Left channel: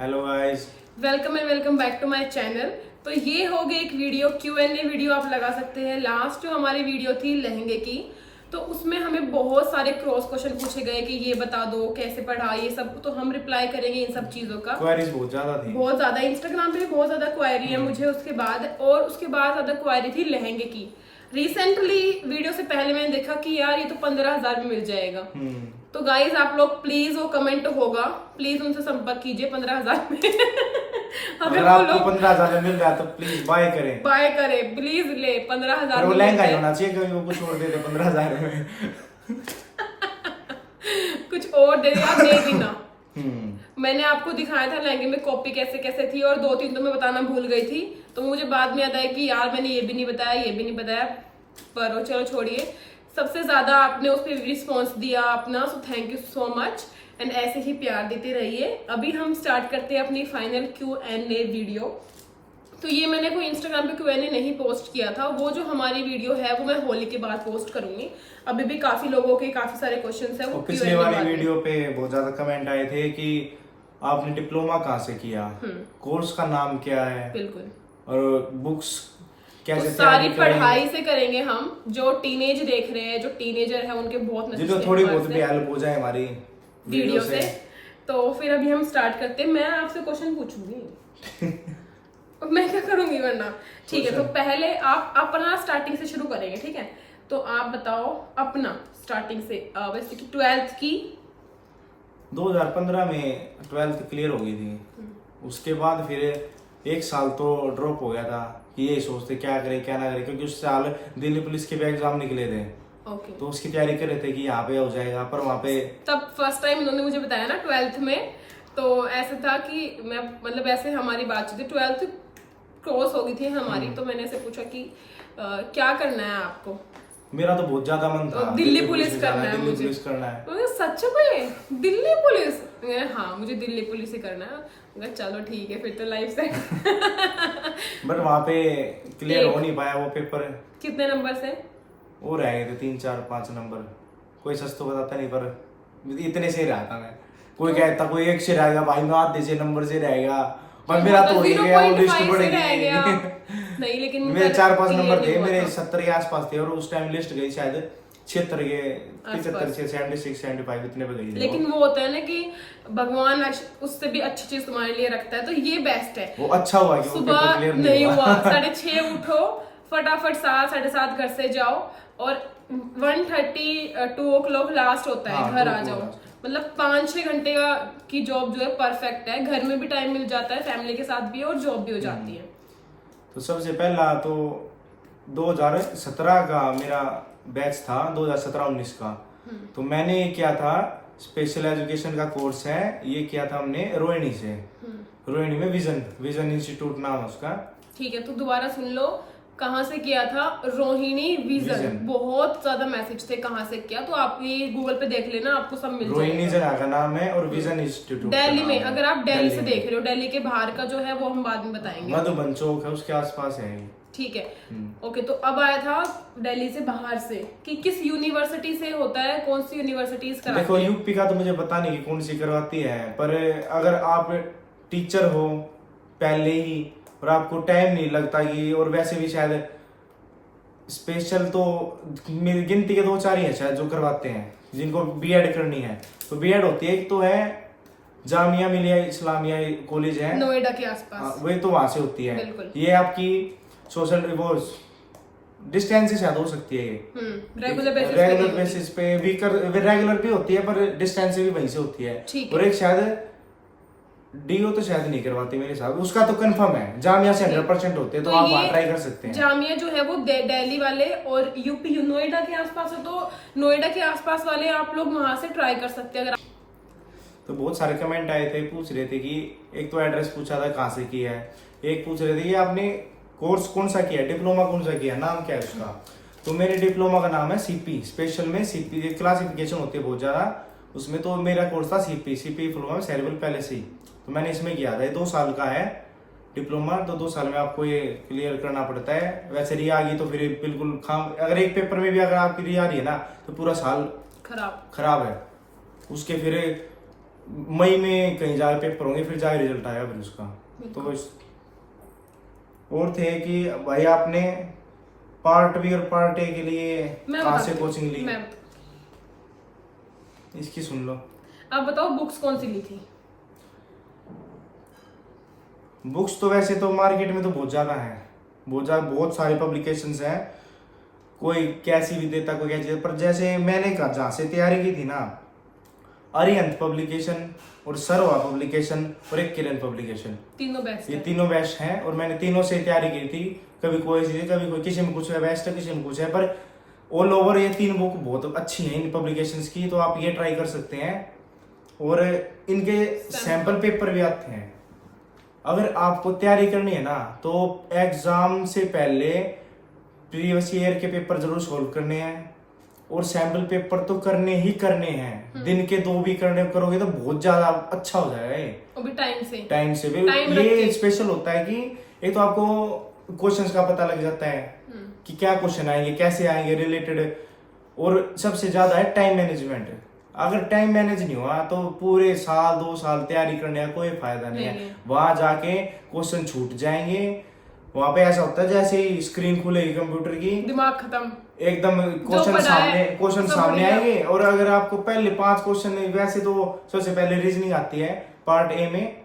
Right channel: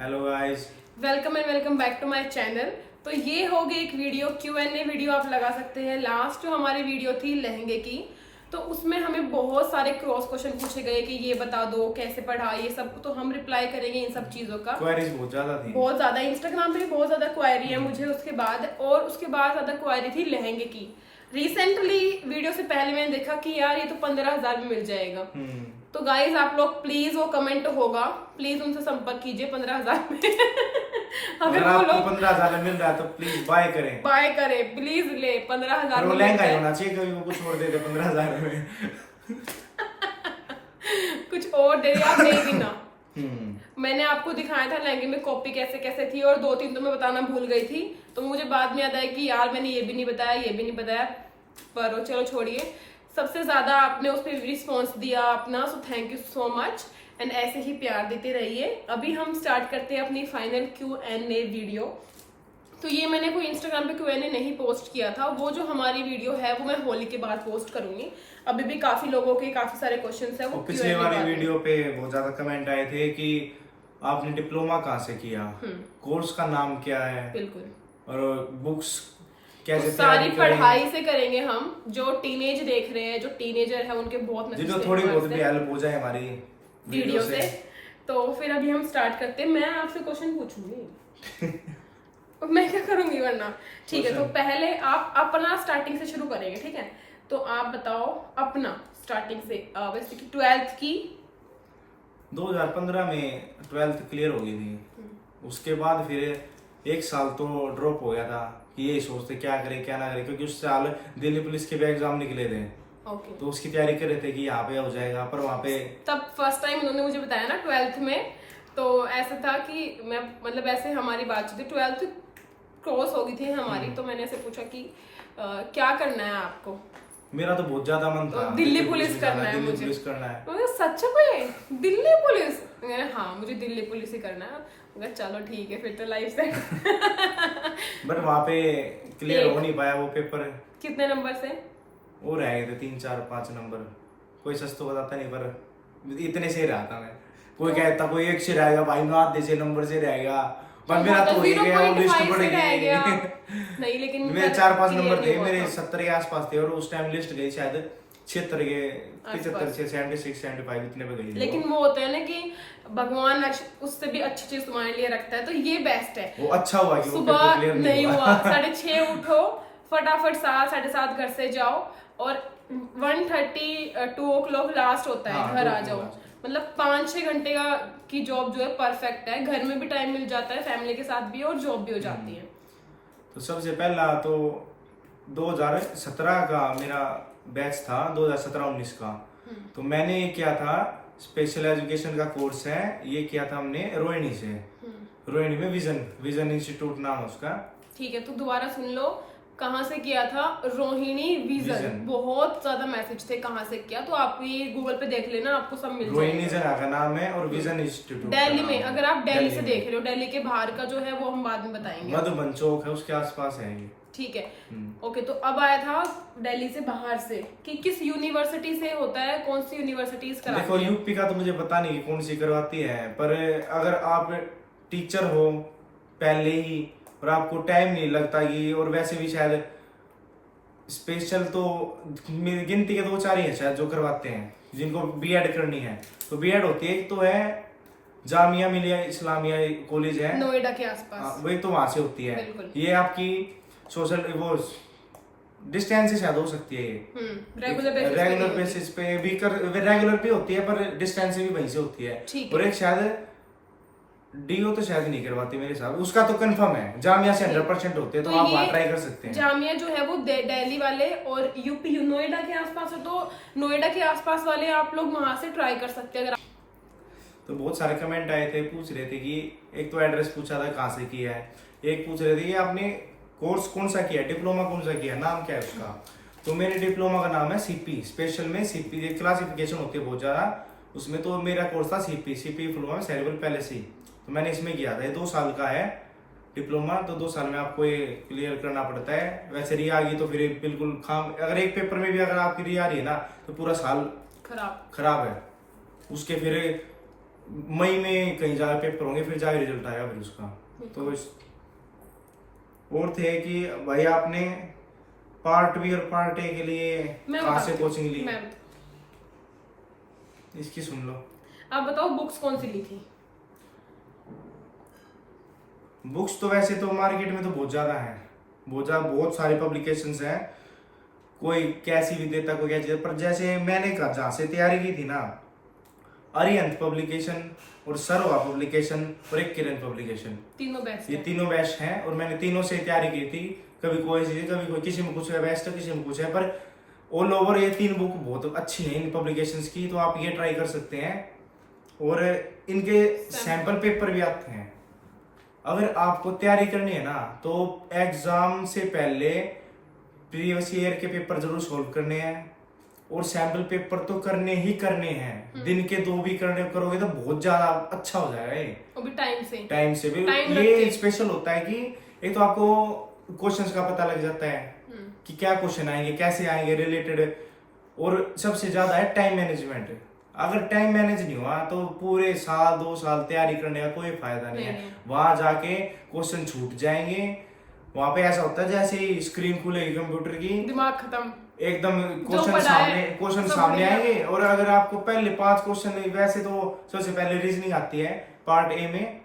Hello guys. Welcome and welcome back to my channel. तो ये हो गई एक वीडियो Q&A वीडियो आप लगा सकते हैं। लास्ट जो हमारी वीडियो थी लहंगे की, तो उसमें हमें बहुत सारे क्रॉस क्वेश्चन पूछे गए कि ये बता दो कैसे पढ़ा, ये सब तो हम रिप्लाई करेंगे इन सब चीजों का। क्वेरीज बहुत ज्यादा थी। बहुत ज्यादा इंस्टाग्राम पे भी बहुत ज्यादा क्वायरी है मुझे उसके बाद, और उसके बाद ज्यादा क्वायरी थी लहंगे की। रिसेंटली वीडियो से पहले मैंने देखा कि यार ये तो 15,000 में मिल जाएगा। तो गाइज आप लोग प्लीज, वो कमेंट होगा, प्लीज उनसे संपर्क कीजिए 15,000 में। अगर वो आपको लोग 15,000 में मिल रहा है तो प्लीज बाय करें। बाय करे, प्लीज ले, 15,000 और वो में लहंगा मिलता ही है। होना चाहिए, कभी वो कुछ और दे दे 15,000 में। कुछ और दे या दे भी ना। हम्म। मैंने आपको दिखाया था लहंगे में कॉपी कैसे कैसे थी, और 2-3 तो मैं बताना भूल गई थी। तो मुझे बाद में याद आया कि यार मैंने ये भी नहीं बताया, ये भी नहीं बताया, पर चलो छोड़िए। सबसे ज्यादा आपने उस पर रिस्पॉन्स दिया अपना, so thank you so much. And ऐसे ही प्यार देते रहिए। अभी हम स्टार्ट करते हैं अपनी फाइनल Q&A वीडियो। तो ये मैंने कोई इंस्टाग्राम पे Q&A नहीं पोस्ट किया था, वो जो हमारी वीडियो है वो मैं होली के बाद पोस्ट करूंगी। अभी भी काफी लोगों के काफी सारे क्वेश्चंस है, वो पिछले Q&A वाली बाद में। वीडियो पे बहुत ज्यादा कमेंट आए थे कि आपने डिप्लोमा कहाँ से किया, कोर्स का नाम क्या है, बिल्कुल। और बुक्स तो कैसे सारी तैयारी करें। पढ़ाई से करेंगे हम। जो टीनेज देख रहे हैं, जो टीनेजर है, उनके बहुत मैसेज जो थे थोड़ी हमारे बहुत भी से हेल्प हो जाए हमारी वीडियो से। तो फिर अभी हम स्टार्ट करते हैं। मैं आपसे क्वेश्चन पूछूंगी। अब मैं क्या करूंगी वरना। ठीक है, तो पहले आप अपना स्टार्टिंग से शुरू करेंगे, ठीक है। तो आप बताओ अपना स्टार्टिंग से, वैसे कि 12th की। 2015 में 12th क्लियर हो गई थी। उसके बाद फिर एक साल तो ड्रॉप हो गया था कि यही सोचते क्या करे क्या ना करे, क्योंकि उस साल दिल्ली पुलिस के भी एग्जाम निकले थे। ओके। तो उसकी तैयारी कर रहे थे कि यहाँ पे हो जाएगा, पर वहाँ पे तब फर्स्ट टाइम उन्होंने मुझे बताया ना 12th में। तो ऐसा था कि मैं, मतलब ऐसे हमारी बातचीत थी, 12th क्रॉस हो गई थी हमारी। तो मैंने ऐसे पूछा कि क्या करना है आपको। मेरा तो बहुत ज्यादा मन था दिल्ली पुलिस करना है दिल्ली मुझे। पुलिस करना है। तो सच में दिल्ली पुलिस? मैंने हाँ, मुझे दिल्ली पुलिस ही करना है। मैं चलो ठीक है, फिर तो लाइफ सेट। बट वहाँ पे क्लियर हो एक। नहीं पाया वो पेपर। कितने नंबर से? वो रह गए थे 3 4 5 नंबर। कोई सच तो बताता नहीं, पर इतने से ही रहा था मैं। कोई कहता कोई एक से रहेगा भाई, मैं आधे से नंबर से रहेगा, पर मेरा तो हो ही गया, वो लिस्ट 0.5 बढ़ से रह गया। गई। नहीं, लेकिन मेरे 4 5 clear नंबर नहीं थे, हुआ मेरे था। 70 के आसपास थे, और उस टाइम लिस्ट गई शायद 76 के, 75 आसपास। से 76 75 इतने पे गई थी लेकिन वो होता है ना कि भगवान उससे भी अच्छी चीज तुम्हारे लिए रखता है, तो ये बेस्ट है। वो अच्छा हुआ कि वो पेपर सुबह क्लियर नहीं हुआ, 6:30 उठो, फटाफट 7 7:30 घर से जाओ, और 1:30 2 o'clock लास्ट होता है, हाँ, घर 2 आ जाओ। o'clock मतलब 5-6 घंटे का की जॉब जो है परफेक्ट है। घर में भी टाइम मिल जाता है, फैमिली के साथ भी, और जॉब भी हो जाती है। तो सबसे पहला तो 2017 का मेरा बैच था, 2017-19 का। तो मैंने किया था स्पेशल एजुकेशन का कोर्स है, ये किया था हमने रोहिणी से। रोहिणी में विजन इंस्टीट्यूट नाम है उसका। ठीक है, तो दोबारा सुन लो, कहाँ से किया था? रोहिणी विजन। बहुत ज्यादा मैसेज थे कहाँ से किया, तो आप ये गूगल पे देख लेना, आपको सब मिल रोहिणी जाएगा। जगह का नाम है, और विजन इंस्टीट्यूट दिल्ली में, अगर आप दिल्ली से में। देख रहे हो, दिल्ली के बाहर का जो है वो हम बाद में बताएंगे। मधुबन चौक है, उसके आसपास है ये। ठीक है, ओके। तो अब आया था दिल्ली से बाहर से, कि किस यूनिवर्सिटी से होता है, कौन सी यूनिवर्सिटीज कराती देखो है? यूपी का तो मुझे पता नहीं कौन सी करवाती है, पर अगर आप टीचर हो पहले ही, और आपको टाइम नहीं लगता कि, और वैसे भी शायद स्पेशल तो मेरी गिनती के 2 4 ही है शायद जो करवाते हैं, जिनको बीएड करनी है। तो बीएड होती है, एक तो है जामिया मिलिया इस्लामिया कॉलेज है नोएडा के आसपास। वही तो वहां से होती है। बिल्कुल। ये आपकी सोशल वो डिस्टेंस से शायद हो सकती है ये। रेगुलर बेसिस पे भी कर, रेगुलर भी होती है, पर डिस्टेंस से भी वहीं से होती है। ठीक और है। एक शायद डीओ तो शायद नहीं करवाती मेरे साथ, उसका तो कंफर्म है, जामिया से 100% होते हैं, तो आप वहाँ ट्राई कर सकते हैं। जामिया जो है वो दिल्ली वाले, और यूपी नोएडा के आसपास है, तो नोएडा के आसपास वाले आप लोग वहां से ट्राई कर सकते हैं। अगर तो बहुत सारे कमेंट आए थे, पूछ रहे थे कि एक तो एड्रेस पूछा था कहाँ से किया है, एक पूछ रहे थे कि आपने कोर्स कौन सा किया है, डिप्लोमा कौन सा किया है, नाम क्या है उसका। तो मेरे डिप्लोमा का नाम है सीपी, स्पेशल में सीपी क्लासिफिकेशन होती है बहुत ज्यादा, उसमें तो मेरा कोर्स था सीपी डिप्लोमा सेरेब्रल पैलेसी। तो मैंने इसमें किया था, ये 2 साल का है डिप्लोमा। तो 2 साल में आपको ये क्लियर करना पड़ता है। वैसे री आ गई तो फिर बिल्कुल अगर एक पेपर में भी अगर आपकी री आ रही है ना, तो पूरा साल खराब। खराब है। उसके फिर मई में कहीं जाके पेपर होंगे, फिर जाके रिजल्ट आएगा फिर उसका। तो और थे कि भाई आपने पार्ट बी और पार्ट ए के लिए कहाँ से कोचिंग ली? इसकी सुन लो। आप बताओ बुक्स कौन सी ली थी? बुक्स तो वैसे तो मार्केट में तो बहुत ज्यादा है, बहुत सारे पब्लिकेशंस हैं, कोई कैसी भी देता, कोई कैसी देता, पर जैसे मैंने कहा जहाँ से तैयारी की थी ना, अरिहंत पब्लिकेशन और सरवा पब्लिकेशन और एक किरण पब्लिकेशन, तीनों बेस्ट ये तीनों बेस्ट हैं। और मैंने तीनों से तैयारी की थी, कभी कोई चीज, कभी कोई, किसी में कुछ है बेस्ट है, किसी में कुछ है, पर ऑल ओवर ये 3 बुक बहुत अच्छी हैं इन पब्लिकेशंस की, तो आप ये ट्राई कर सकते हैं। और इनके सैंपल पेपर भी आते हैं। अगर आपको तैयारी करनी है ना, तो एग्जाम से पहले प्रीवियस ईयर के पेपर जरूर सोल्व करने हैं, और सैंपल पेपर तो करने ही करने हैं। दिन के 2 भी करने करोगे तो बहुत ज्यादा अच्छा हो जाएगा ये, वो भी टाइम से ये स्पेशल होता है कि एक तो आपको क्वेश्चंस का पता लग जाता है कि क्या क्वेश्चन आएंगे, कैसे आएंगे, रिलेटेड। और सबसे ज्यादा है टाइम मैनेजमेंट। अगर टाइम मैनेज नहीं हुआ तो पूरे साल 2 साल तैयारी करने का कोई फायदा नहीं है। वहां जाके क्वेश्चन छूट जाएंगे। वहां पे ऐसा होता है जैसे ही स्क्रीन खुलेगी कंप्यूटर की, दिमाग खत्म, एकदम क्वेश्चन सामने आएंगे। और अगर आपको पहले 5 क्वेश्चन, वैसे तो सबसे पहले रीजनिंग आती है पार्ट ए में,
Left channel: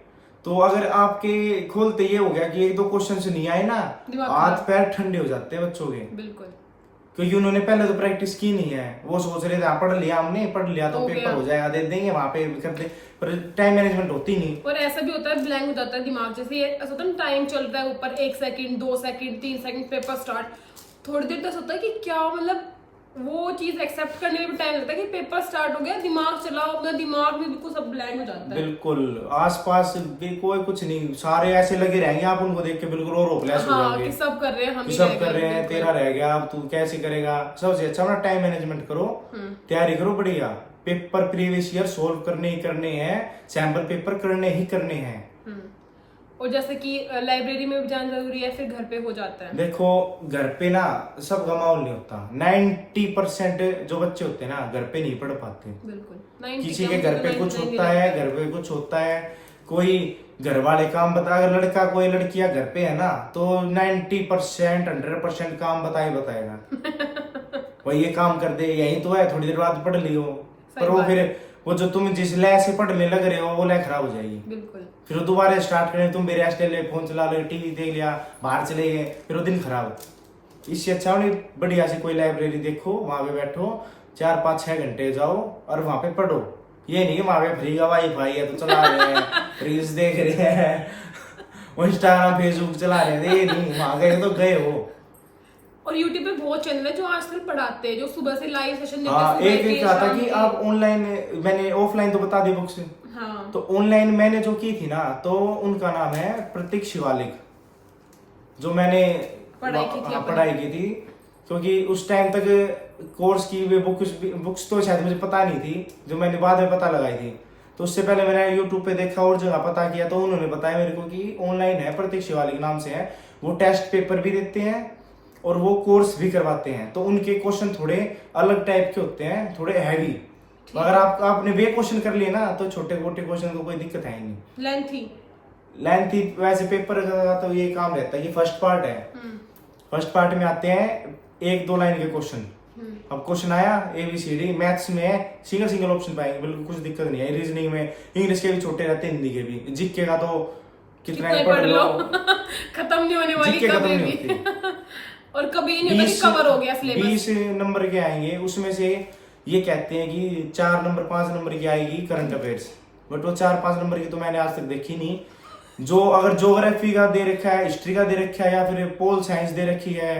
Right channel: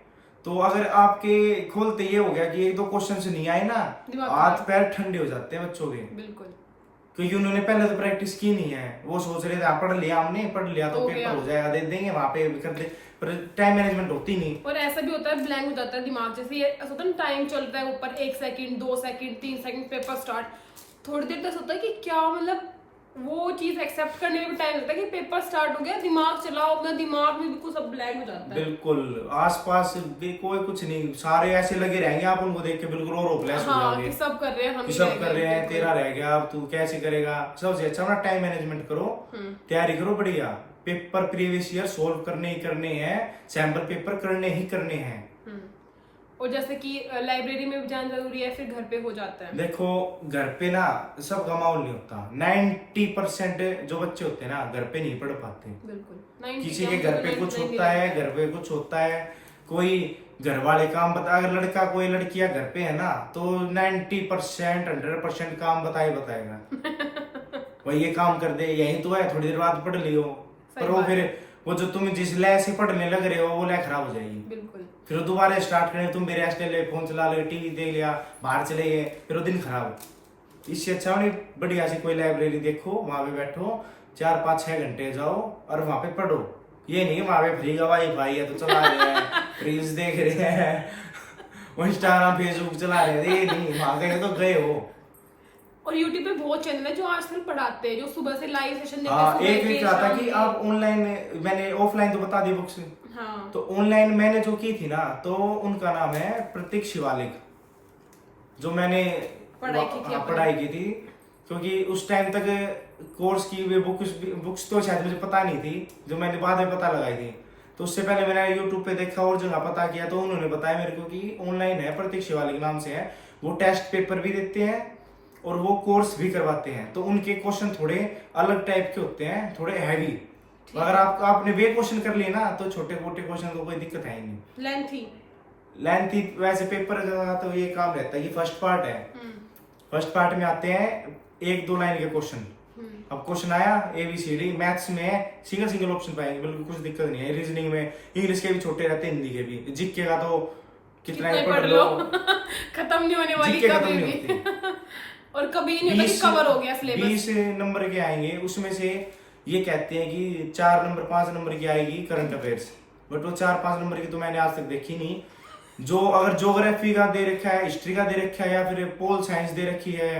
तो अगर आपके खोलते ये हो गया कि 1-2 क्वेश्चन नहीं आए ना, हाथ पैर ठंडे हो जाते हैं बच्चों के, बिल्कुल, क्योंकि उन्होंने पहले तो प्रैक्टिस की नहीं है। वो सोच रहे थे पढ़ लिया हमने, पढ़ लिया तो पेपर हो जाएगा, दे देंगे वहां पे कर दे, पर टाइम मैनेजमेंट होती नहीं। और ऐसा भी होता है ब्लैंक हो जाता है दिमाग, जैसे ऐसा होता है टाइम चल रहा है ऊपर, 1 second 2 second 3 second, paper start, थोड़ी देर तक होता है कि क्या मतलब वो चीज एक्सेप्ट करने में भी टाइम लगता है कि पेपर स्टार्ट हो गया, दिमाग चलाओ अपना, दिमाग में बिल्कुल सब ब्लैंक हो जाता है। बिल्कुल आसपास भी कोई कुछ नहीं, सारे ऐसे लगे रहेंगे, आप उनको देख के बिल्कुल और होपलेस हो जाओगे कि सब कर रहे हैं, हम ही सब कर रहे हैं, तेरा रह गया, अब तू कैसे करेगा। सबसे अच्छा अपना टाइम मैनेजमेंट करो, तैयारी करो बढ़िया। पेपर प्रीवियस ईयर सोल्व करने ही करने हैं, सैंपल पेपर करने ही करने हैं। और जैसे कि लाइब्रेरी में भी जाना जरूरी है, फिर घर पे हो जाता है। देखो घर पे ना सबका माहौल नहीं होता, 90% जो बच्चे होते हैं ना घर पे नहीं पढ़ पाते। बिल्कुल, किसी के घर पे कुछ होता है, घर पे कुछ होता है, कोई घर वाले काम बता, अगर लड़का कोई लड़कियां घर पे है ना, तो 90% 100% काम बताएगा वही ये काम कर दे, यही तो है, थोड़ी देर बाद पढ़ लियो। पर वो फिर वो जो तुम जिस लय से पढ़ने लग रहे हो वो लय खराब हो जाएगी। बिल्कुल, फिर वो दोबारा स्टार्ट करें, तुम भी रेस्ट ले ले, फोन चला ले, टीवी देख लिया, बाहर चले गए, फिर वो दिन खराब। इससे अच्छा नहीं बढ़िया सी कोई लाइब्रेरी देखो, वहां पे बैठो, 4-5-6 घंटे जाओ और वहां पे पढ़ो। ये नहीं वहां पे फ्री का वाईफाई है तो चला रहे हैं, रील्स देख रहे हैं, इंस्टाग्राम फेसबुक चला रहे हैं, ये नहीं, वहां गए तो गए हो। और YouTube पे बहुत चैनल है जो आजकल पढ़ाते हैं, जो सुबह से लाइव सेशन देते हैं। हाँ, एक क्या था कि आप ऑनलाइन, मैंने ऑफलाइन तो बता दी बुक्स, हाँ, तो ऑनलाइन मैंने जो की थी ना, तो उनका नाम है प्रतीक शिवालिक, जो मैंने पढ़ाई की थी, क्योंकि उस टाइम तक कोर्स की वे बुक्स तो शायद मुझे पता नहीं थी, जो मैंने बाद में पता लगाई थी। तो उससे पहले मैंने यूट्यूब पे देखा और जगह पता किया, तो उन्होंने बताया मेरे को कि ऑनलाइन है, प्रतीक शिवालिक नाम से है, वो टेस्ट पेपर भी देते हैं और वो कोर्स भी करवाते हैं। तो उनके क्वेश्चन थोड़े अलग टाइप के होते हैं, थोड़े हैवी। तो अगर आपने वे क्वेश्चन कर लिए ना, तो छोटे मोटे क्वेश्चन को कोई दिक्कत है ही नहीं। लेंथी वैसे पेपर का तो ये काम रहता है कि फर्स्ट पार्ट है, फर्स्ट पार्ट में आते हैं 1-2 लाइन के क्वेश्चन। अब क्वेश्चन आया ABCD, मैथ्स में सिंगल ऑप्शन पाएंगे, बिल्कुल कुछ दिक्कत नहीं है। रीजनिंग में इंग्लिश के भी छोटे रहते हैं, हिंदी के भी, जीके का तो कितना ही पढ़ लो खत्म नहीं होने वाली कभी भी और कभी नहीं होता कि कवर हो गया सिलेबस। 20 नंबर के आएंगे, उसमें से ये कहते हैं कि 4 नंबर 5 नंबर की आएगी करंट अफेयर्स, बट वो 4-5 नंबर की तो मैंने आज तक देखी नहीं। जो अगर ज्योग्राफी का दे रखा है, हिस्ट्री का दे रखा है, या फिर पोल साइंस दे रखी है,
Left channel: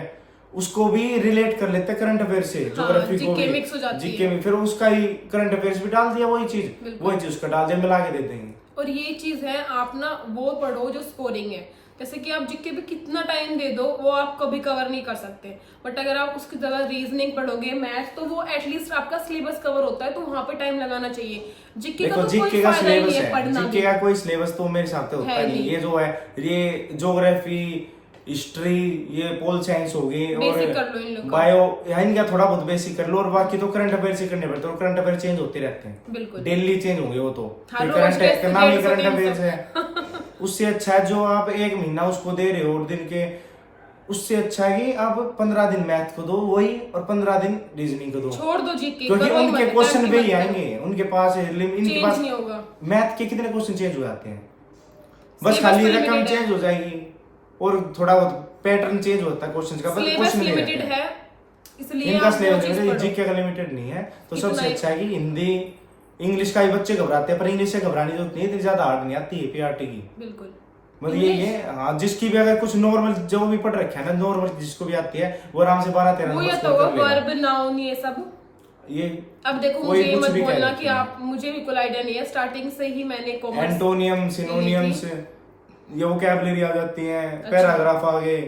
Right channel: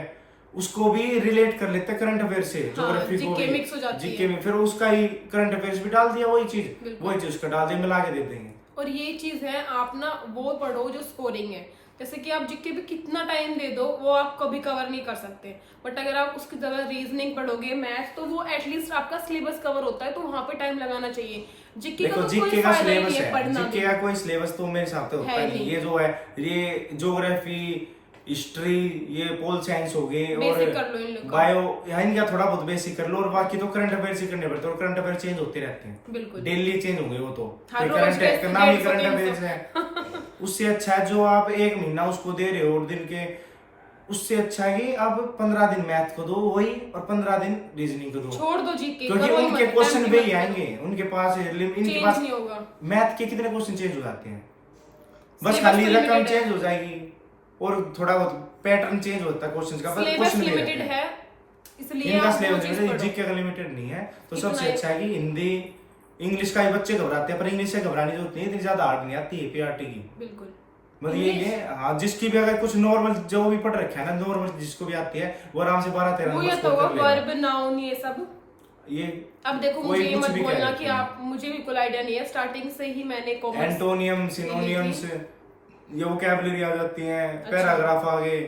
उसको भी रिलेट कर लेते हैं करंट अफेयर से। ज्योग्राफी को जीके मिक्स हो जाती जीके में फिर उसका ही करंट अफेयर्स भी डाल दिया, वही चीज उसका डाल दिया, मिला के दे देंगे। और ये चीज है, आप ना वो पढ़ो जो स्कोरिंग है, जैसे कि आप जीके पे कितना टाइम दे दो वो आप कभी कवर नहीं कर सकते, बट अगर आप उसकी जगह रीजनिंग पढ़ोगे, मैथ, तो वो एटलीस्ट आपका सिलेबस कवर होता है, तो वहां पे टाइम लगाना चाहिए। जीके का तो कोई फायदा ही नहीं है पढ़ना, जीके का कोई सिलेबस तो मेरे हिसाब से होता नहीं। ये जो है, ये ज्योग्राफी, हिस्ट्री, ये पोल साइंस हो गई और बेसिक कर लो इन लोग का। बायो, यहाँ इनका थोड़ा बहुत बेसिक कर लो, और बाकी तो करंट अफेयर्स ही करने पड़ते हैं, और करंट अफेयर चेंज होते रहते हैं, बिल्कुल। डेली चेंज होंगे वो तो। हर फिर रोज करंट के नाम ही 150, करंट 300 अफेयर्स है। उससे अच्छा है जो आप एक महीना उसको दे रहे हो, और दिन के, उससे अच्छा है कि आप 15 दिन मैथ को दो वही, और 15 दिन रीजनिंग को दो, छोड़ दो जीके, क्योंकि करो ही उनके मत, क्वेश्चन टाइम भी की मत आएंगे, उनके पास इनके चेंज पास नहीं होगा। मैथ के कितने क्वेश्चन चेंज हो जाते हैं, बस Syllabus खाली तो रकम limited है। चेंज हो जाएगी, और थोड़ा बहुत पैटर्न चेंज होता है क्वेश्चन का, पर सिलेबस क्वेश्चन नहीं लिमिटेड रहते। है, इसलिए इनका आप वो सिलेबस चीज लिमिटेड, पढ़ो। जीके का लिमिटेड नहीं है, तो इतना सबसे ही- अच्छा है कि हिंदी, इंग्लिश का ही बच्चे घबराते हैं, पर इंग्लिश से घबराने की जरूरत नहीं है, इतनी ज्यादा हार्ड नहीं आती है पीआरटी की। बिल्कुल। मतलब ये हाँ, जिसकी भी अगर कुछ नॉर्मल जो भी पढ़ रखा है ना, नॉर्मल जिसको भी आती है, वो आराम से 12-13 वो नंबर या स्कोर तो कर लेगा। वर्ब, नाउन, ये सब। ये अब देखो कोई मुझे ये कुछ मत भी कह बोलना देते कि हैं। आप, मुझे बिल्कुल आइडिया नहीं है, स्टार्टिंग से ही मैंने कॉमर्स। एंटोनियम, सिनोनियम्स, ये वोकैबुलरी आ जाती है, अच्छा। पैराग्राफ आ गए,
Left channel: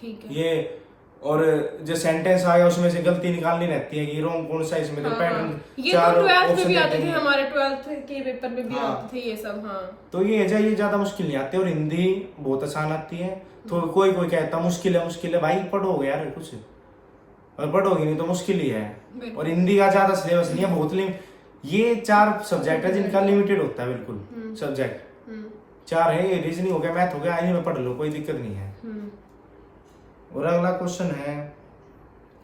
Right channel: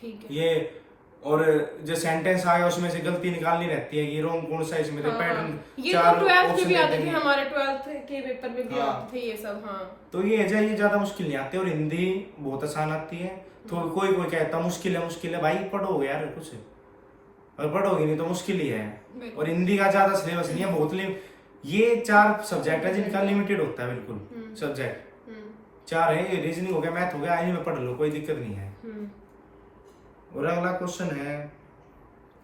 ठीक है। ये, और जो सेंटेंस आया उसमें से गलती निकालनी रहती है कि रोंग कौन सा इसमें, हाँ, पैटर्न हाँ। ये तो 12th में भी आते थे, हैं। हमारे 12th के पेपर में भी हाँ। आते थे ये सब। हाँ, तो ये है, ये ज्यादा मुश्किल नहीं आती, और हिंदी बहुत आसान आती है। तो कोई कोई कहता मुश्किल है भाई, पढ़ोगे यार कुछ, और पढ़ोगे नहीं तो मुश्किल ही है। बिल्कुल। और हिंदी का ज्यादा सिलेबस नहीं है, बहुत ये 4 सब्जेक्ट है जिनका लिमिटेड होता है, बिल्कुल सब्जेक्ट 4 है, रीजनिंग हो गया, मैथ हो गया, इन्हीं में पढ़ लो, कोई दिक्कत नहीं है। और अगला क्वेश्चन है,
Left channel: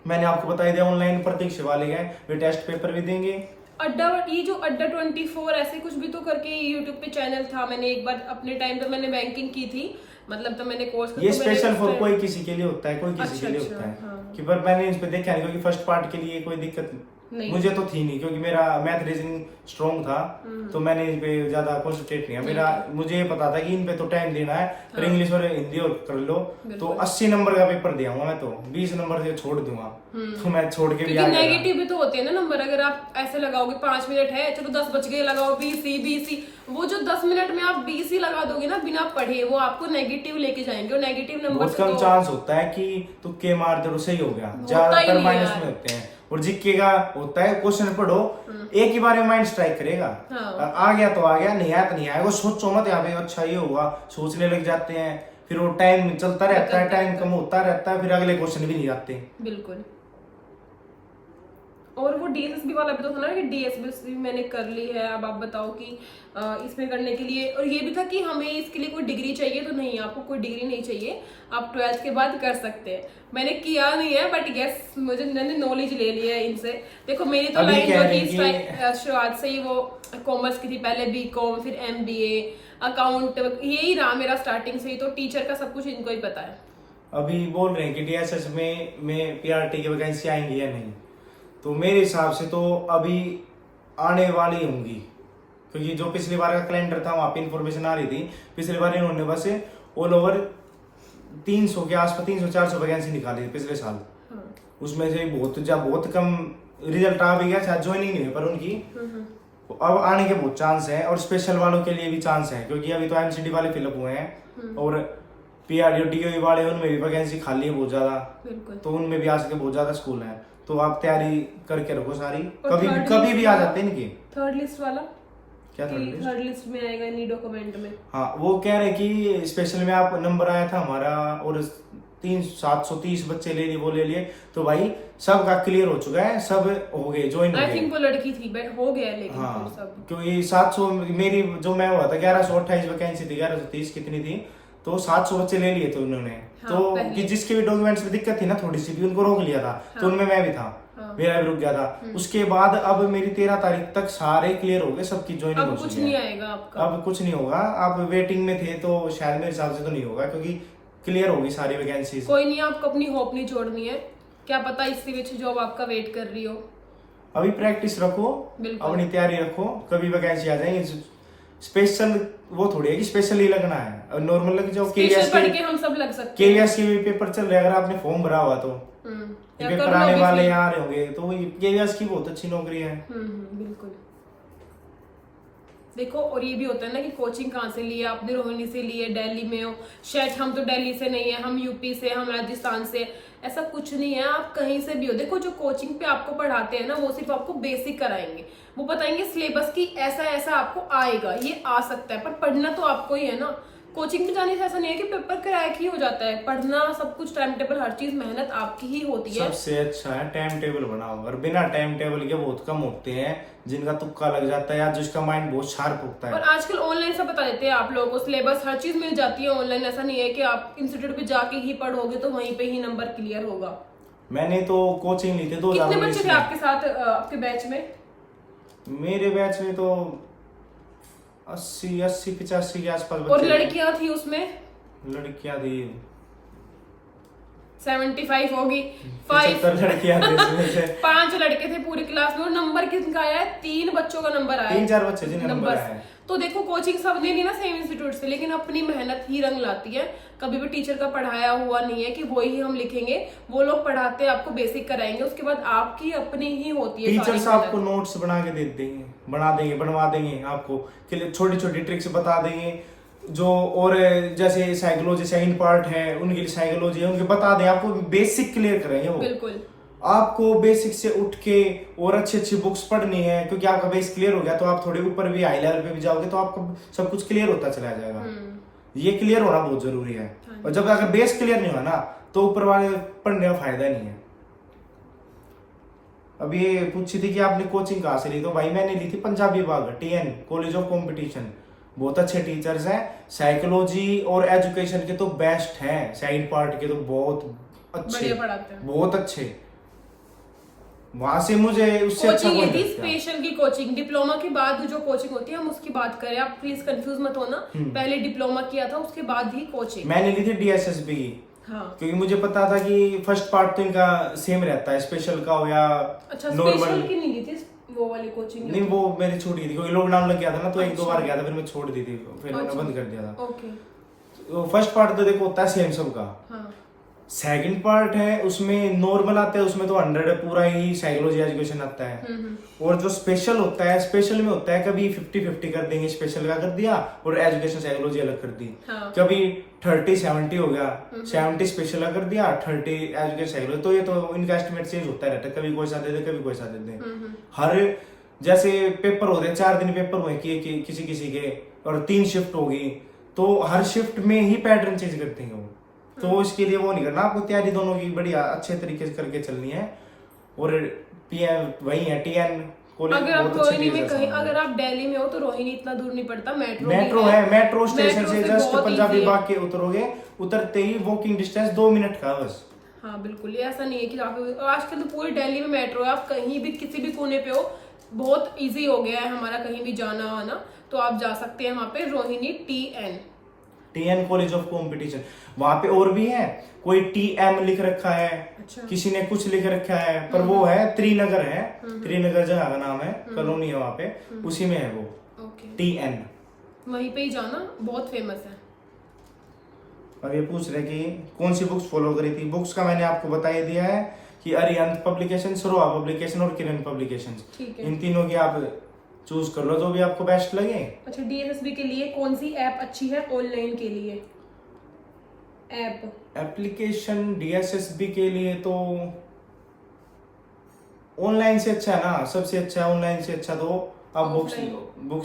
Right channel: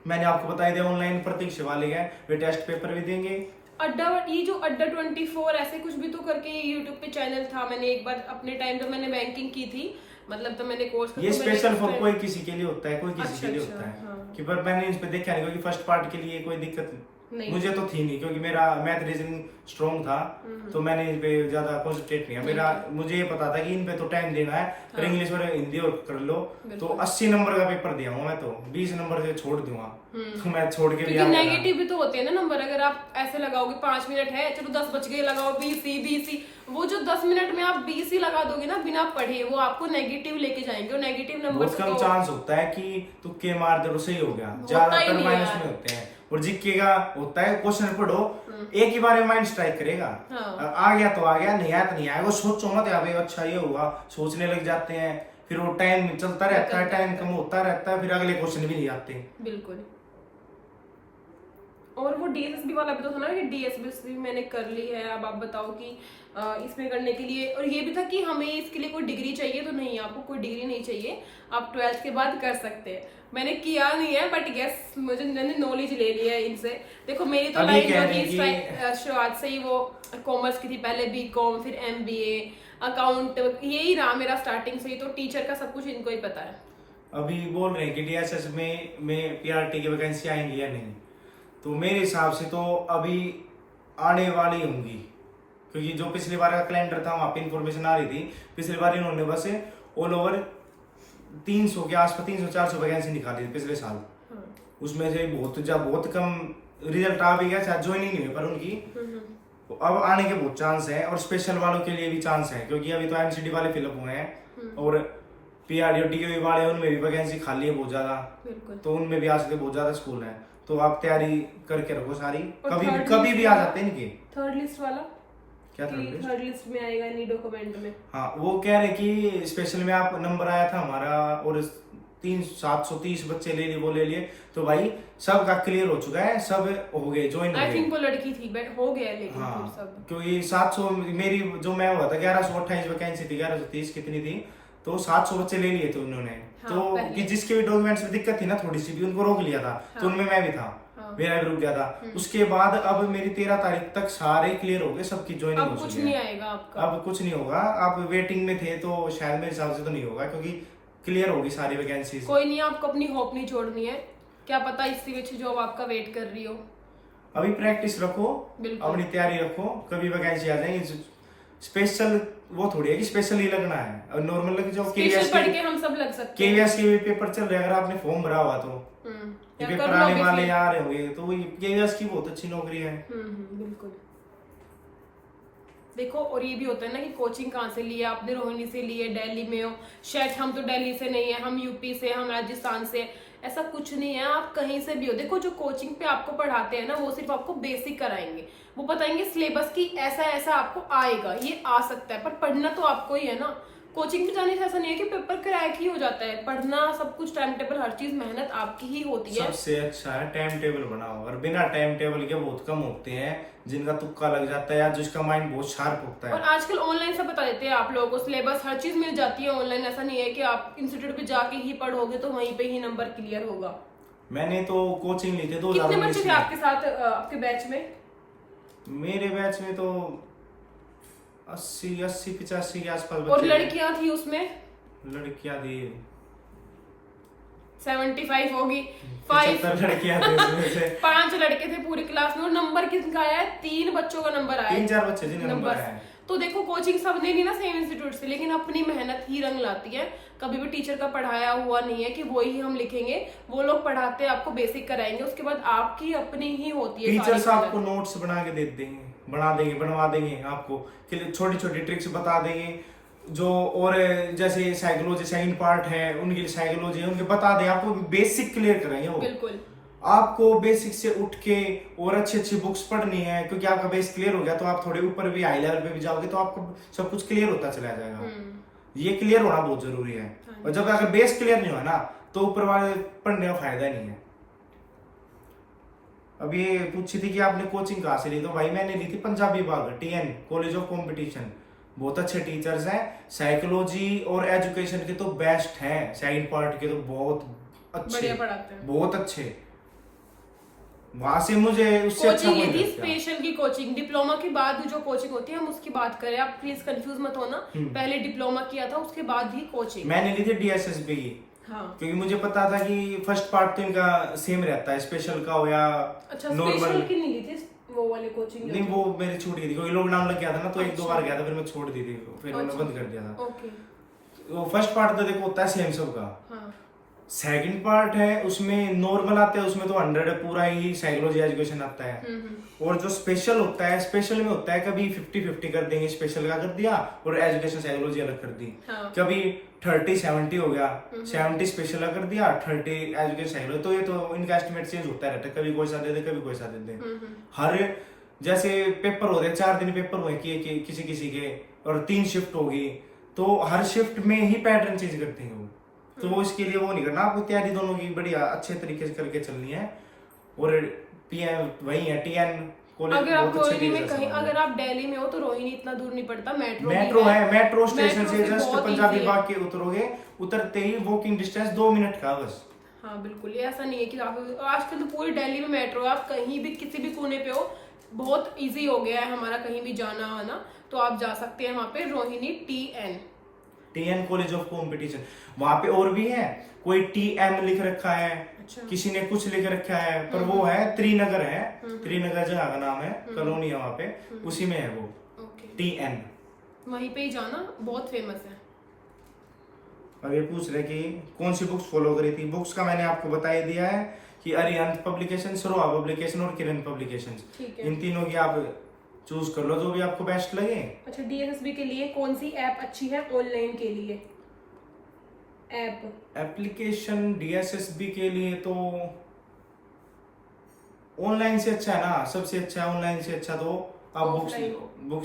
मैंने आपको बताया दिया ऑनलाइन प्रतीक्षा वाले गए, वे टेस्ट पेपर भी देंगे। अड्डा, ये जो अड्डा 24 ऐसे कुछ भी तो करके यूट्यूब पे चैनल था, मैंने एक बार अपने टाइम पे मैंने बैंकिंग की थी, मतलब तो मैंने कोर्स ये स्पेशल फॉर कोई किसी के लिए होता है, कोई किसी अच्छा, के लिए अच्छा, होता है हाँ। कि, पर मैंने इस पे देखा नहीं, क्योंकि फर्स्ट पार्ट के लिए कोई दिक्कत नहीं। मुझे तो थी नहीं, क्योंकि मेरा मैथ रीजनिंग स्ट्रॉन्ग था, तो मैंने इन पे ज्यादा कॉन्सेंट्रेट नहीं किया। मेरा मुझे ये पता था कि इन पे तो टाइम देना है, पर हाँ। इंग्लिश और हिंदी और कर लो, तो 80 नंबर का पेपर दिया हूँ मैं, तो 20 नंबर से छोड़ दूंगा, तो मैं छोड़ के भी क्योंकि आ गया था। नेगेटिव भी तो होते हैं ना नंबर, अगर आप ऐसे लगाओगे 5 मिनट है, चलो 10 बच गए, लगाओ बीसी, वो जो 10 मिनट में आप बीसी लगा दोगे ना बिना पढ़े, वो आपको नेगेटिव लेके जाएंगे, और नेगेटिव नंबर बहुत से कम तो चांस होता है कि तुक्के मार दो सही हो गया, ही ज्यादातर नहीं माइनस यार। में होते हैं। और जीके का होता है, क्वेश्चन पढ़ो, एक ही बार में माइंड स्ट्राइक करेगा, हाँ। आ गया तो आ गया, नहीं आया तो नहीं आया, वो सोचो मत यहाँ पे अच्छा ये हुआ, सोचने लग जाते हैं, फिर वो टाइम चलता रहता है, टाइम कम होता रहता है, फिर अगले क्वेश्चन भी नहीं आते। बिल्कुल। और वो डीएसएसबी वाला भी तो था ना कि डीएसएसबी मैंने कर ली है, अब आप बताओ कि इसमें करने के लिए, और ये भी था कि हमें इसके लिए कोई डिग्री चाहिए, तो नहीं, आपको कोई डिग्री नहीं चाहिए, आप 12th के बाद कर सकते हैं। मैंने किया नहीं है, बट यस मुझे मैंने नॉलेज ले ली है इनसे। देखो मेरी तो अभी लाइन कह जो रहे थी कि- शुरुआत से ही वो कॉमर्स की थी, पहले बीकॉम, फिर एमबीए, अकाउंट, यही रहा मेरा स्टार्टिंग से ही, तो टीचर का सब कुछ इनको ही पता है। अभी बोल रहे हैं कि डीएसएस में पीआरटी की वैकेंसी आएंगी या नहीं, तो मेरे हिसाब से तो अभी आने वाली होंगी, क्योंकि जो पिछली बार का कैलेंडर था वहां पे इंफॉर्मेशन आ रही थी, पिछली बार इन्होंने बस ऑल ओवर 300 के आसपास 300-400 वैकेंसी निकाली थी पिछले साल। हाँ। उसमें से बहुत कम रिजल्ट आ भी गया, शायद ज्वाइनिंग नहीं हुई, पर उनकी अब आने के बहुत चांस है, और स्पेशल वालों के लिए भी चांस है, क्योंकि अभी तो एमसीडी वाले फिलअप हुए हैं, और पीआरडी और डीओई वाले उनमें भी वैकेंसी खाली है बहुत ज्यादा, बिल्कुल। तो उनमें भी आ सकते बहुत ज्यादा स्कूल हैं, तो आप तैयारी करके रखो सारी, और कभी third कभी list भी आ वाला? जाते हैं इनके। थर्ड लिस्ट वाला क्या थर्ड लिस्ट? थर्ड लिस्ट में आएगा नी डॉक्यूमेंट में। हाँ, वो कह रहे कि स्पेशल में आप नंबर आया था हमारा, और 730 बच्चे ले लिए, वो ले लिए, तो भाई सबका क्लियर हो चुका है, सब हो गए, ज्वाइन हो आई गए। थिंक वो लड़की थी, हो गया है, लेकिन हाँ, फिर सब क्योंकि 700 मेरी जो मैं हुआ था 1128 वैकेंसी थी, 1130 कितनी थी, तो 700 बच्चे ले लिए थे उन्होंने। हाँ, तो पहले। कि जिसके भी डॉक्यूमेंट्स में दिक्कत थी ना थोड़ी सी भी, उनको रोक लिया था, तो उनमें मैं भी था, हाँ। मेरा भी रुक गया था। उसके बाद अब मेरी 13 तारीख तक सारे क्लियर हो गए, सबकी ज्वाइनिंग हो अब कुछ चुकी नहीं है। आएगा आपका। अब कुछ नहीं होगा, आप वेटिंग में थे, तो शायद मेरे हिसाब से तो नहीं होगा, क्योंकि क्लियर होगी सारी वैकेंसी। कोई नहीं, आपको अपनी होप नहीं छोड़नी है, क्या पता इसी बीच जॉब आपका वेट कर रही हो। अभी प्रैक्टिस रखो, बिल्कुल। अपनी तैयारी रखो, कभी वैकेंसी आ जाएंगी। स्पेशल वो थोड़ी है कि स्पेशल ही लगना है, और नॉर्मल लग जाओ। स्पेशल पढ़ के हम सब लग सकते हैं। केवीएस के भी पेपर चल रहे हैं, अगर आपने फॉर्म भरा हुआ तो या पेपर कर लो आने अभी वाले फिर। आ रहे होंगे, तो केवीएस की बहुत अच्छी नौकरी है। बिल्कुल। देखो, और ये भी होता है ना कि कोचिंग कहाँ से ली है आपने, रोहिणी से ली है, दिल्ली में हो, शायद हम तो दिल्ली से नहीं है, हम यूपी से, हम राजस्थान से, ऐसा कुछ नहीं है, आप कहीं से भी हो। देखो जो कोचिंग पे आपको पढ़ाते हैं ना, वो सिर्फ आपको बेसिक कराएंगे, वो बताएंगे सिलेबस की ऐसा ऐसा आपको आएगा, ये आ सकता है, पर पढ़ना तो आपको ही है ना। कोचिंग में जाने से ऐसा नहीं है कि पेपर क्रैक ही हो जाता है। पढ़ना सब कुछ, टाइम टेबल, हर चीज मेहनत आपकी ही होती है। सबसे अच्छा है टाइम टेबल बनाओ, और बिना टाइम टेबल के बहुत कम होते हैं जिनका तुक्का लग जाता है या जिसका माइंड बहुत शार्प होता और है। आजकल ऑनलाइन सब बता देते हैं आप लोगों को, सिलेबस हर चीज मिल जाती है ऑनलाइन। ऐसा नहीं है कि आप इंस्टीट्यूट पे जाके ही पढ़ोगे तो वहीं पे ही नंबर क्लियर होगा। मैंने तो कोचिंग ली थी कितने 2019 बच्चे थे में। आपके साथ आपके बैच में? मेरे बैच में तो 80-85 के आसपास और बच्चे थे। लड़कियां थी उसमें? लड़कियां थी 75 होगी। 5 75 लड़कियां थी उसमें से। 5 लड़के थे पूरी क्लास में। और नंबर किसका आया है? 3 बच्चों का नंबर आया है। 3-4 बच्चे जिन्हें नंबर बस। आए हैं। तो देखो कोचिंग सब नहीं ली ना सेम इंस्टीट्यूट से, लेकिन अपनी मेहनत ही रंग लाती है। कभी भी टीचर का पढ़ाया हुआ नहीं है कि वो ही हम लिखेंगे। वो लोग पढ़ाते हैं, आपको बेसिक कराएंगे, उसके बाद आपकी अपनी ही होती है सारी टीचर्स आपको मेहनत। नोट्स बना के दे देंगे, बनवा देंगे आपको, छोटी छोटी ट्रिक्स बता देंगे जो, और जैसे साइकोलॉजी सेकंड पार्ट है उनके लिए साइकोलॉजी है, उनके बता दें, आपको बेसिक क्लियर करेंगे वो। बिल्कुल। आपको बेसिक से उठ के और अच्छी अच्छी बुक्स पढ़नी है, क्योंकि आपका बेस क्लियर हो गया तो आप थोड़े ऊपर भी हाई लेवल पे भी जाओगे तो आपको सब कुछ क्लियर होता चला जाएगा। ये क्लियर होना बहुत जरूरी है। और जब अगर बेस क्लियर नहीं हुआ ना तो ऊपर वाले पढ़ने का फायदा नहीं है। अब ये पूछी थी कि आपने कोचिंग कहाँ से ली, तो भाई मैंने ली थी पंजाबी बाग, TN कॉलेज ऑफ कंपटीशन। बहुत अच्छे टीचर्स हैं, साइकोलॉजी और एजुकेशन के तो बेस्ट हैं, साइड पार्ट के तो बहुत अच्छे, बढ़िया पढ़ाते हैं। बहुत अच्छे। वहां से मुझे उससे अच्छा कोचिंग कोई ली थी नहीं लगता। स्पेशल की कोचिंग। डिप्लोमा के बाद जो कोचिंग होती है हम उसकी बात करें, आप प्लीज कंफ्यूज मत होना। पहले डिप्लोमा किया था, उसके बाद ही कोचिंग। मैंने ली थी DSSB की, हाँ। क्योंकि मुझे पता था कि फर्स्ट पार्ट तो इनका सेम रहता है, स्पेशल का हो या अच्छा, नॉर्मल। स्पेशल की नहीं ली थी वो वाली कोचिंग? नहीं, वो मेरी छूट गई थी क्योंकि लॉकडाउन लग गया था ना, तो 1-2 अच्छा। बार गया था, फिर मैं छोड़ दी थी, फिर मैंने अच्छा। बंद कर दिया था। ओके। तो फर्स्ट पार्ट तो देखो होता है सेम सबका। हाँ। सेकंड पार्ट है उसमें नॉर्मल आता है, उसमें तो 100 पूरा ही साइकोलॉजी एजुकेशन आता है। और जो स्पेशल होता है, स्पेशल में होता है कभी 50-50 कर देंगे, स्पेशल का कर दिया और एजुकेशन साइकोलॉजी अलग कर दी। हाँ। कभी 30-70 हो गया, 70 स्पेशल का कर दिया, 30 एजुकेशन साइकोलॉजी। तो ये तो इनका एस्टिमेट चेंज होता रहता है, कभी कोई सा दे दे, कभी कोई सा दे दे। हर जैसे पेपर होते हैं, 4 दिन पेपर हुए किसी किसी के, और 3 शिफ्ट होगी, तो हर शिफ्ट में ही पैटर्न चेंज करते हैं वो। तो इसके लिए वो नहीं करना, आपको तैयारी दोनों की बढ़िया अच्छे तरीके से करके चलनी है। और PM वही है, TN कॉलेज। अगर आप रोहिणी में कहीं, अगर आप दिल्ली में हो तो रोहिणी इतना दूर नहीं पड़ता, मेट्रो है, मेट्रो स्टेशन मेट्रो से से जस्ट बहुत पंजाबी easy है। बाग के उतरोगे, उतरते ही वॉकिंग डिस्टेंस 2 मिनट का बस। हाँ बिल्कुल, ये ऐसा नहीं है कि आप, आजकल तो पूरी दिल्ली में मेट्रो है, आप कहीं भी किसी भी कोने पे हो, बहुत इजी हो गया है हमारा कहीं भी जाना आना, तो आप जा सकते हैं वहाँ पे, Rohini TN college of competition. वहां पे और भी है, कोई TM लिख रखा है, अच्छा। किसी ने कुछ लिख रखा है, पर वो है त्रिनगर है, त्रिनगर जगह का नाम है, कॉलोनी है वहां पे, उसी में है वो ओके। TN। वहीं पे ही जाना, बहुत फेमस है। और ये पूछ रहे कि कौन सी बुक्स फॉलो करी थी। बुक्स का मैंने आपको बता ही दिया है कि अरिहंत पब्लिकेशन, सरोहा पब्लिकेशन और किरण पब्लिकेशन, ठीक है। इन तीनों की आप चूज कर लो जो भी आपको बेस्ट लगे। अच्छा, DSSB के लिए कौन सी ऐप अच्छी है ऑनलाइन के लिए? एप्लीकेशन DSSB के लिए तो ऑनलाइन से अच्छा है ना, सबसे अच्छा है ऑनलाइन से अच्छा। तो आप बुक्स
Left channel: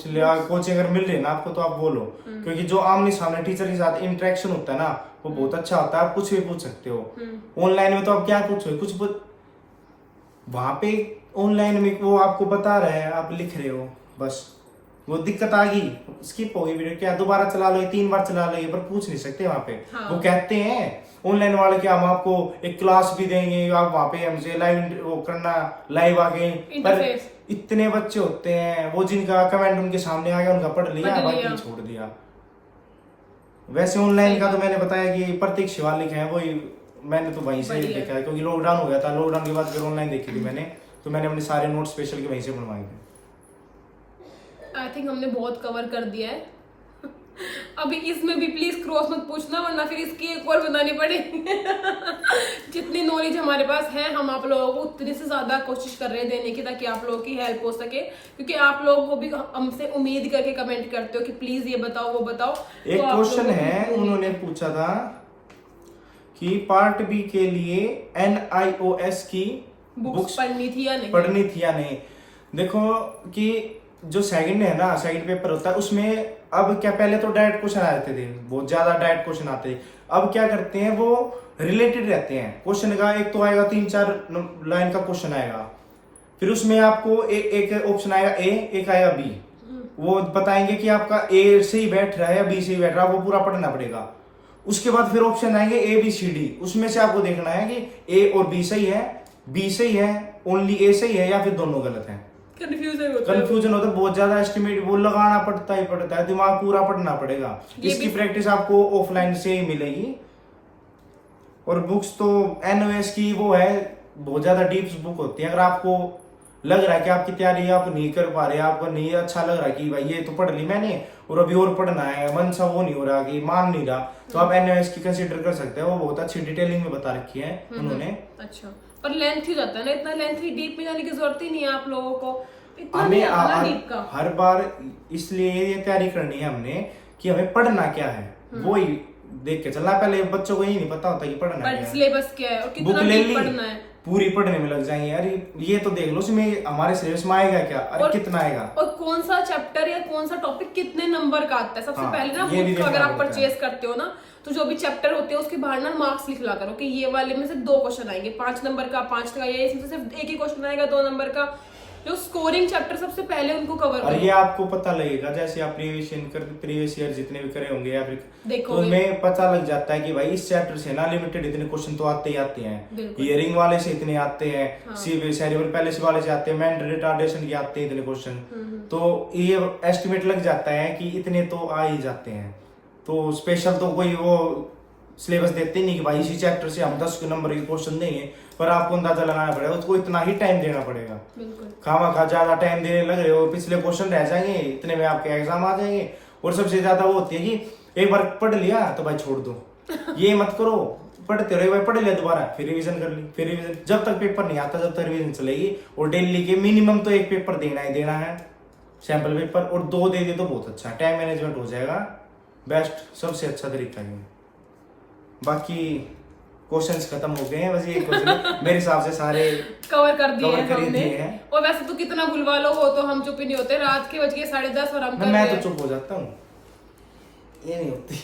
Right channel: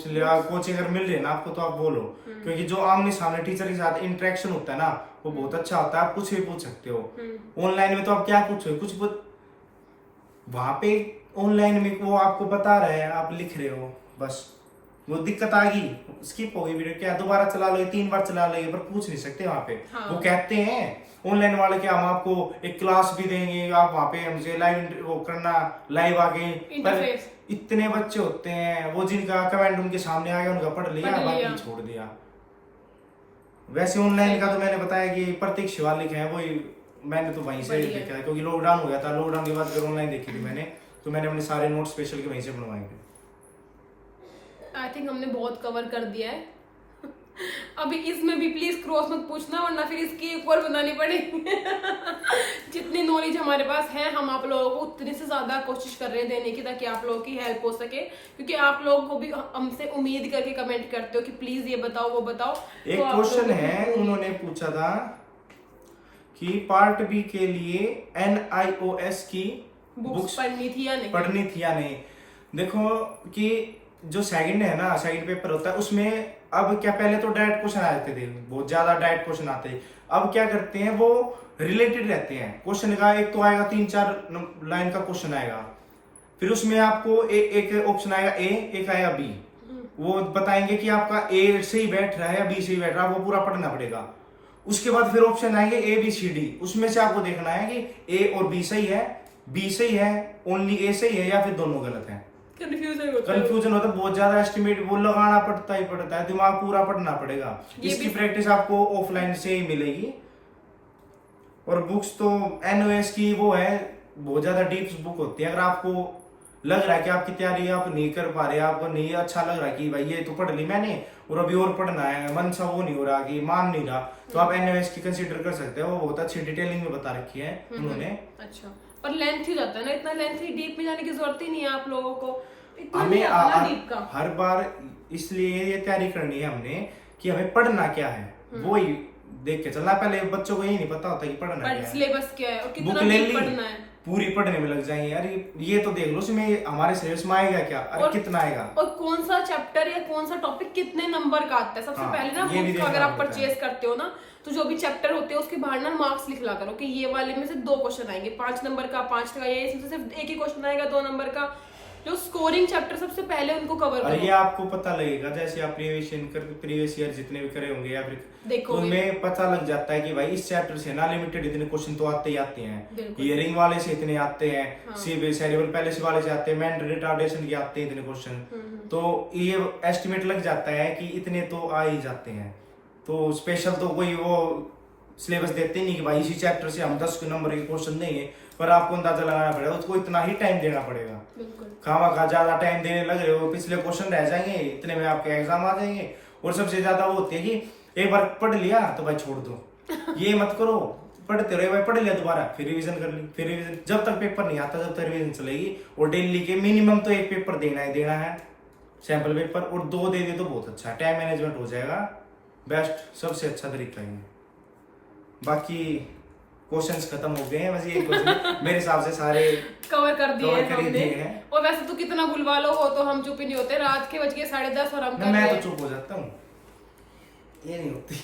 ले, कोचिंग अगर मिल रही है ना आपको तो आप बोलो, क्योंकि जो आमने सामने टीचर के साथ इंटरेक्शन होता है ना वो बहुत अच्छा होता है, आप कुछ भी पूछ सकते हो। ऑनलाइन में तो आप क्या पूछोगे, कुछ वहां पे ऑनलाइन में वो आपको बता रहे हैं, आप लिख रहे हो बस, वो दिक्कत आ गई, स्किप हो गई वीडियो, क्या दोबारा चला लो, 3 बार चला लो, पर पूछ नहीं सकते वहां पे। हाँ। वो कहते हैं ऑनलाइन वाले कि हम आपको एक क्लास भी देंगे, आप वहां पे हमसे लाइव वो करना, लाइव आके। पर इतने बच्चे होते हैं, वो जिनका कमेंट उनके सामने आ गया उनका पढ़ लिया, बाकी छोड़ दिया। वैसे ऑनलाइन का तो मैंने बताया कि प्रतीक शिवालिक है, वही मैंने तो वहीं से देखा है, क्योंकि लॉकडाउन हो गया था, लॉकडाउन के बाद फिर ऑनलाइन देखी थी मैंने, तो मैंने अपने सारे नोट स्पेशल के वहीं से बनवाए थे। आई थिंक हमने बहुत कवर कर दिया है। अभी इसमें भी प्लीज क्रॉस मत पूछना, वरना फिर इसकी एक और बनानी पड़ेगी। जितनी नॉलेज हमारे पास है, हम आप लोगों को उतनी से ज्यादा कोशिश कर रहे हैं देने की, ताकि आप लोगों की हेल्प हो सके, क्योंकि आप लोग को भी हमसे उम्मीद करके कमेंट करते हो कि प्लीज ये बताओ वो बताओ। एक क्वेश्चन है, उन्होंने पूछा था कि पार्ट बी के लिए NIOS की बुक्स पढ़नी थी या नहीं। देखो कि जो सेकंड है ना, सेकंड पेपर होता है उसमें अब क्या, पहले तो डायरेक्ट क्वेश्चन आ जाते थे, बहुत ज्यादा डायरेक्ट क्वेश्चन आते, अब क्या करते हैं वो रिलेटेड रहते हैं क्वेश्चन का। एक तो आएगा 3-4 लाइन का क्वेश्चन आएगा, फिर उसमें आपको एक ऑप्शन आएगा ए, एक आएगा बी, वो बताएंगे कि आपका ए सही बैठ रहा है या बी सही बैठ रहा है, वो पूरा पढ़ना पड़ेगा। उसके बाद फिर ऑप्शन आएंगे ए बी सी डी, उसमें से आपको देखना है कि ए और बी सही है, बी सही है, ओनली ए सही है, या फिर दोनों गलत है। कंफ्यूजन होता है बहुत ज्यादा, एस्टिमेट वो लगाना पड़ता है, दिमाग पूरा पढ़ना पड़ेगा। इसकी प्रैक्टिस आपको ऑफलाइन से ही मिलेगी। और बुक्स तो एनओएस की वो है, बहुत ज्यादा डीप बुक होती है। अगर आपको लग रहा है कि आपकी तैयारी आप नहीं कर पा रहे, आपको नहीं अच्छा लग रहा है कि भाई ये तो पढ़ ली मैंने और अभी और पढ़ना है, मन सा वो नहीं हो रहा कि मान नहीं रहा, तो आप एनओएस की कंसीडर कर सकते हैं। वो बहुत अच्छी डिटेलिंग में बता रखी है उन्होंने। अच्छा, पर लेंथ ही जाता है ना, इतना लेंथी डीप में जाने की जरूरत ही नहीं है आप लोगों को, इतना हमें नहीं आता ना डीप का। हर बार इसलिए ये तैयारी करनी है हमने कि हमें पढ़ना क्या है, वो ही देख के चलना। पहले बच्चों को यही नहीं पता होता कि पढ़ना क्या है, सिलेबस क्या है और कितना बुक ले डीप ली, पढ़ना है, पूरी पढ़ने में लग जाएंगे। यार ये तो देख लो इसमें हमारे सिलेबस में आएगा क्या, अरे कितना आएगा, और कौन सा चैप्टर या कौन सा टॉपिक कितने नंबर का आता है। सबसे हाँ, पहले ना ये भी बुक का अगर देखना आप पड़ता है। परचेज करते हो ना, तो जो भी चैप्टर होते हैं उसके बाहर ना मार्क्स लिख ला करो कि ये वाले में से 2 क्वेश्चन आएंगे, 5 नंबर का, 5 का, या इसमें से सिर्फ एक ही क्वेश्चन आएगा 2 नंबर का। जो स्कोरिंग चैप्टर सबसे पहले उनको कवर और करो। ये आपको पता लगेगा जैसे आप प्रीवियस ईयर जितने भी करे होंगे या फिर देखोगे। तो उनमें पता लग जाता है कि भाई इस चैप्टर से ना लिमिटेड इतने क्वेश्चन तो आते ही आते हैं, बिल्कुल। हियरिंग वाले से इतने आते हैं, हाँ। सेरिब्रल पैलिसी वाले से आते हैं, मेंटल रिटार्डेशन के आते हैं इतने क्वेश्चन, तो ये एस्टिमेट लग जाता है कि इतने तो आ ही जाते हैं। तो स्पेशल तो कोई वो सिलेबस देते ही नहीं कि भाई इसी चैप्टर से हम 10 नंबर के क्वेश्चन देंगे, पर आपको अंदाजा लगाना पड़ेगा, उसको इतना ही टाइम देना पड़ेगा। बिल्कुल। खामा ज्यादा टाइम देने लग रहे हो, पिछले क्वेश्चन रह जाएंगे, इतने में आपके एग्जाम आ जाएंगे। और सबसे ज्यादा वो होती है कि एक बार पढ़ लिया तो भाई छोड़ दो, ये मत करो, पढ़ते रहो, भाई पढ़ लिया दोबारा फिर रिवीजन कर ली, फिर रिवीजन, जब तक पेपर नहीं आता जब तक रिवीजन चलेगी। और डेली के मिनिमम तो 1 पेपर देना ही देना है, सैंपल पेपर, और 2 दे दे तो बहुत अच्छा, टाइम मैनेजमेंट हो जाएगा, बेस्ट सबसे अच्छा तरीका है। बाकी क्वेश्चंस खत्म हो गए हैं, बस ये क्वेश्चन मेरे हिसाब से सारे कवर कर दिए हैं कर ही हमने। दिए हैं। और वैसे तो कितना बुलवा लो हो तो हम चुप ही नहीं होते, रात के बज गए 10:30 और हम कर रहे मैं हैं। तो चुप हो जाता हूँ, ये नहीं होती।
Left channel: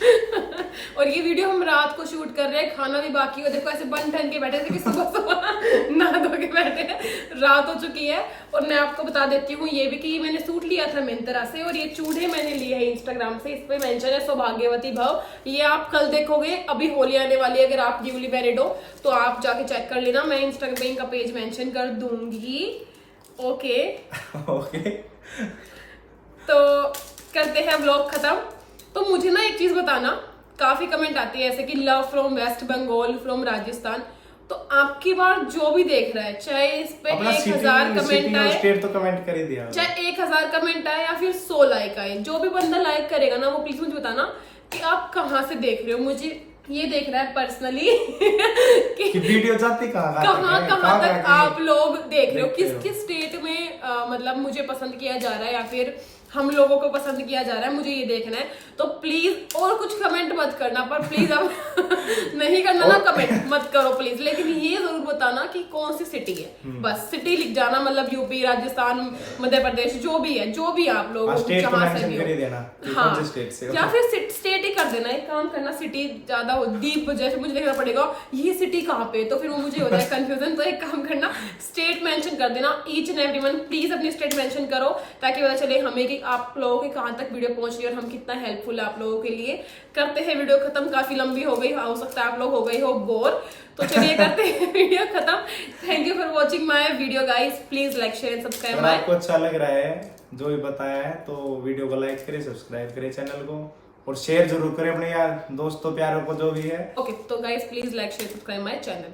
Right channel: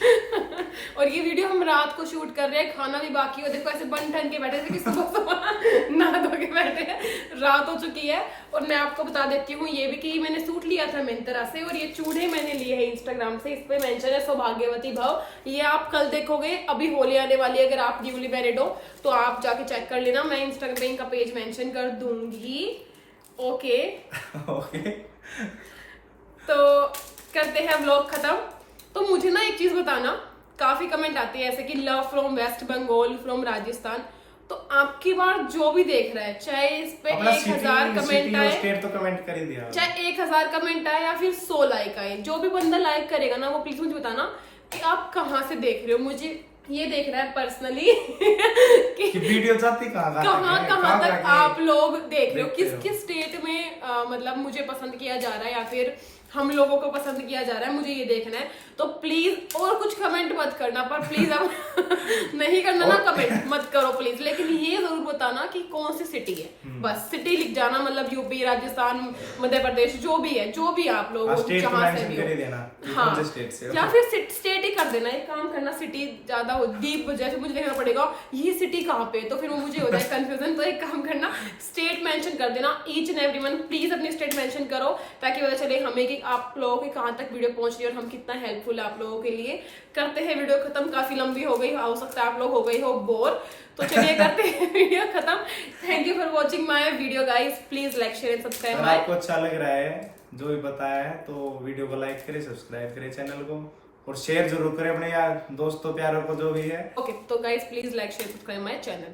और ये वीडियो हम रात को शूट कर रहे हैं, खाना भी बाकी हो, देखो ऐसे बन ठन के बैठे थे कि सुबह सुबह नहा धो के बैठे हैं, रात हो चुकी है। और मैं आपको बता देती हूँ ये भी कि मैंने सूट लिया था मिंत्रा से, और ये चूड़े मैंने लिए हैं इंस्टाग्राम से, इस पे मेंशन है सौभाग्यवती भाव। ये आप कल देखोगे, अभी होली आने वाली है, अगर आप न्यूली मैरिड हो तो आप जाके चेक कर लेना, मैं इंस्टाग्राम का पेज मेंशन कर दूंगी। ओके ओके, तो करते हैं व्लॉग खत्म। तो मुझे ना एक चीज बताना, काफी कमेंट आती है ऐसे कि love from West Bengal, from Rajasthan, तो आपकी बार जो भी देख रहा है, चाहे इस पे 1000 कमेंट आए, स्टेट तो कमेंट कर ही दिया, चाहे 1000 कमेंट आए या फिर 100 लाइक आए, जो भी बंदा लाइक करेगा ना, वो प्लीज मुझे बताना कि आप कहाँ से देख रहे हो। मुझे ये देख रहा है पर्सनली कि वीडियो जाती कहाँ कहाँ तक आप लोग देख रहे हो, किस किस स्टेट में मतलब मुझे पसंद किया जा रहा है या फिर हम लोगों को पसंद किया जा रहा है, मुझे ये देखना है। तो प्लीज और कुछ कमेंट मत करना, पर प्लीज अब नहीं करना ना कमेंट मत करो प्लीज, लेकिन ये जरूर बताना कि कौन सी सिटी है, बस सिटी लिख जाना, मतलब यूपी, राजस्थान, मध्य प्रदेश, जो भी है, जो भी आप लोग जहाँ से भी हो, हाँ, या फिर स्टेट ही कर देना। एक काम करना, सिटी ज्यादा हो डीप जैसे मुझे देखना पड़ेगा ये सिटी कहाँ पे, तो फिर वो मुझे हो जाए कंफ्यूजन। तो एक काम करना, स्टेट मेंशन कर देना, ईच एंड एवरीवन प्लीज अपनी स्टेट मेंशन करो, ताकि पता चले हमें कि आप लोगों के कहां तक वीडियो पहुंच रही है और हम कितना हेल्पफुल है आप लोगों के लिए। करते हैं वीडियो खत्म, काफी लंबी हो गई, हो सकता है आप लोग हो गए हो बोर, तो चलिए करते हैं वीडियो खत्म। Thank you for watching my video guys, please like share and subscribe my. आपको अच्छा लग रहा है जो भी बताया है तो वीडियो को लाइक करें, सब्सक्राइब करें चैनल को, और शेयर जरूर करें अपने यार दोस्तों प्यारों को जो भी है। ओके, तो guys please like share subscribe my channel.